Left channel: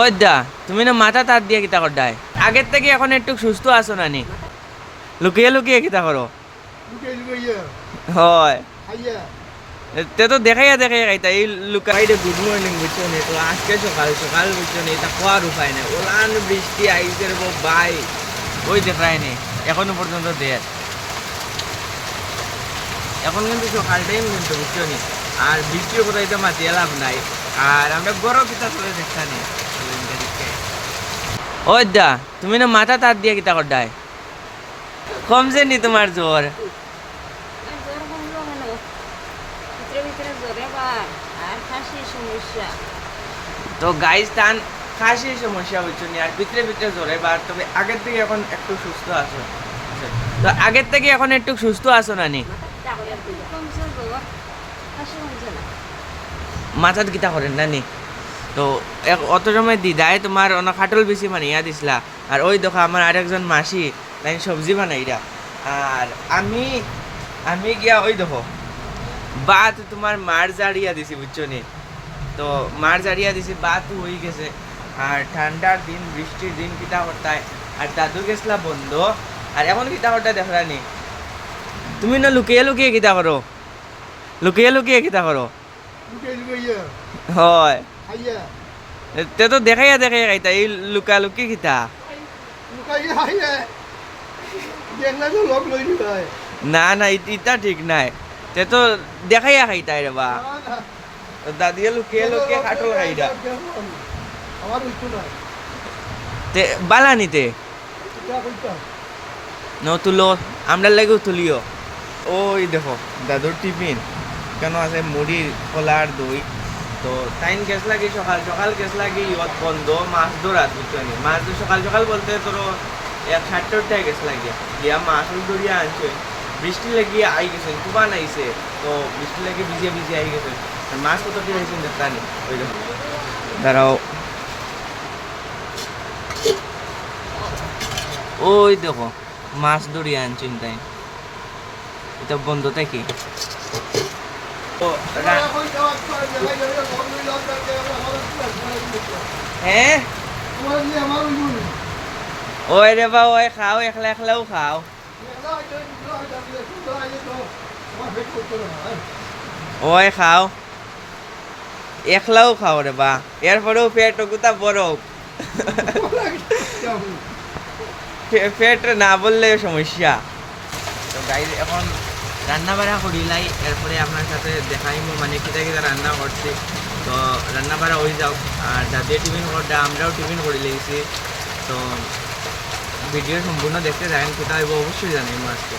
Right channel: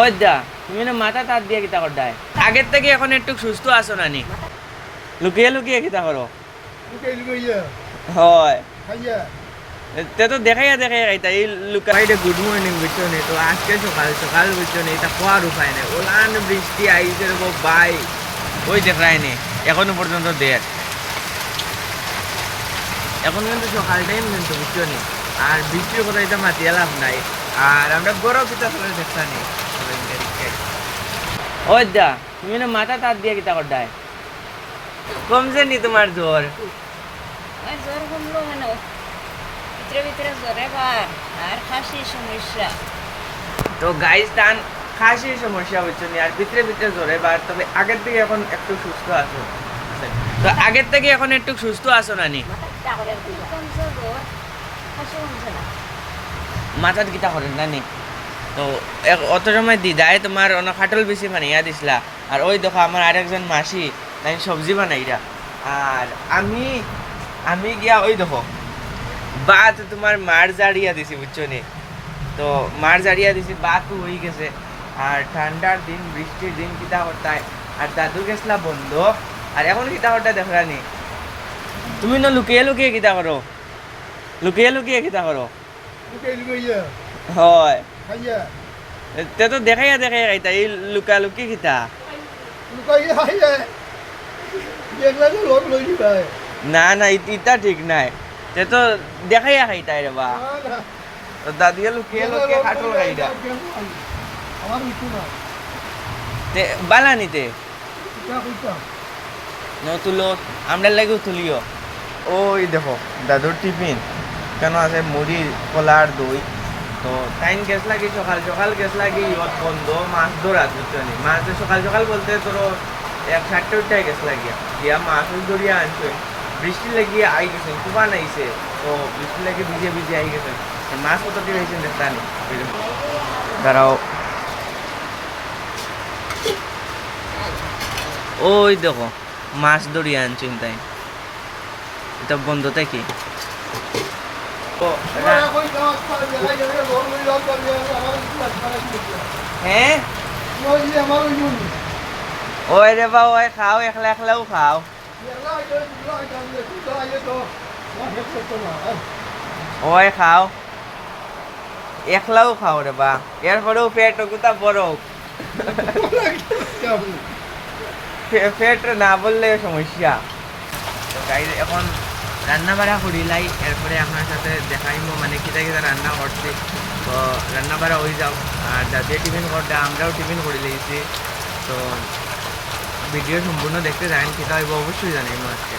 ওই দা তুমি না মাথা তার দিয়ে কিতা করডায় আগের থেকে এখন একটু সুস্থ আছো নানি লুকিয়ে লুকিয়ে কিতা করো হয় তে তো দেখাইয়া দেখাইয়া খাইতা এই লুকাইডে গুড মর্নিং বুঝছো নে তো আজকে সকাল সকাল বুঝছো নে এটা কোয়ার উপায় নেই ওলান বৃষ্টি আইছে রে বাই ওই দেখায় নে এখনো পর্যন্ত দেড় এখন কিন্তু সকাল টাইম কিন্তু বুঝছো নি আর বৃষ্টির কথা এটা মাতিয়ে লাভ নাই আর আমরা গরম কিতা করে দেখতানি ওই দা তুমি না মাথা তার দিয়ে কিতা করডায় কমছে নি তোমার জ্বর জ্বর কমলো কেন ভিতরে ভিতরে জ্বরে বার আর খাসি সমস্যা তো গাইস তান খাসির সমস্যা হচ্ছে নি আর ভিতরে ভিতরে জ্বরে বার তবে আগের থেকে এখন একটু সুস্থ আছো তো আগের থেকে এখন একটু সুস্থ আছো নানি কমছে জ্বর খাসি কমছে না মাথার কিতা করেন নানি তো অত সময় দিদায় তোমার অনেক খাটল বেশি মানে ইয়া দিছিলা আর ওই দেখো আমার আরেকজন মাসি তাই সবজি বানাইরা আর আমি আমি গিয়া ওই দেখো বাত তোমার মার জাড়িয়া দিছি বুঝছো নি তো মার জাড়িয়া দিছি বাত হয়ে গেছে আর ঠান্ডার দিন বৃষ্টির দিন কিতা করতায় আর দাদু গেছলা বন্ধ আর এখন কিতা করতে দেখলা নি তুমি না লুকিয়ে লুকিয়ে কিতা করো লুকিয়ে লুকিয়ে কিতা করো হয় তে তো দেখাইয়া দেখাইয়া খাইতা এই লুকা লুকি কিতা না না ইটা ঠিক নাই তে তো দেখাইয়া খাইতাই রে বা দাদিয়া লুকিয়ে লুকিয়ে খাটল খাইটা তে বানানিতে ন তুলো আমরা লাগেও তুলিও ওই দেখো দাদুর টিফিন কেন আছে মুড়ি কলার দই তো টাইম গ্যাস লাগে সকাল সকাল গ্যাস লাগে ইয়ত বন্ধ মাছ ধরাত বুঝছো নি মাছ তো সকাল সকাল বলতে তোর 1:30টায় গ্যাস লাগিয়া গিয়া মাছ ধরিয়া আনছো বৃষ্টি লাগিয়ে আই গেছেন কুবান আইছে তো বৃষ্টি লাগে ভিজিয়ে ভিজিয়ে আই গেছেন মাছ কত দিয়ে হয়েছেন দেখতা নি ওই দেখো দাঁড়াও ওই দেখো মাছ ধরিয়া আনছেন তাই এটা বন্ধ থেকে হ্যাঁ ওই রে বা ওই খাও একলা একলাও খাও ওই খাও একলাও খাও রে বা এরপরেও পেট কোথা বড় পেট না বললে সমস্যা তো গাইজ এখন রান্না বাড়া করিলাই এরপরে আপনার সাথে দেখাইমো মানে কিতা কিতা রান্না করছি তো রান্না বাড়া হয়ে যাও আর দাদিও টিফিন করতে আমরাও টিফিন করে লিয়েছি তো ভিডিও সম্পূর্ণ দেখতে যাবেন কোথাও হইব অবশ্যই জানাইমো আজকে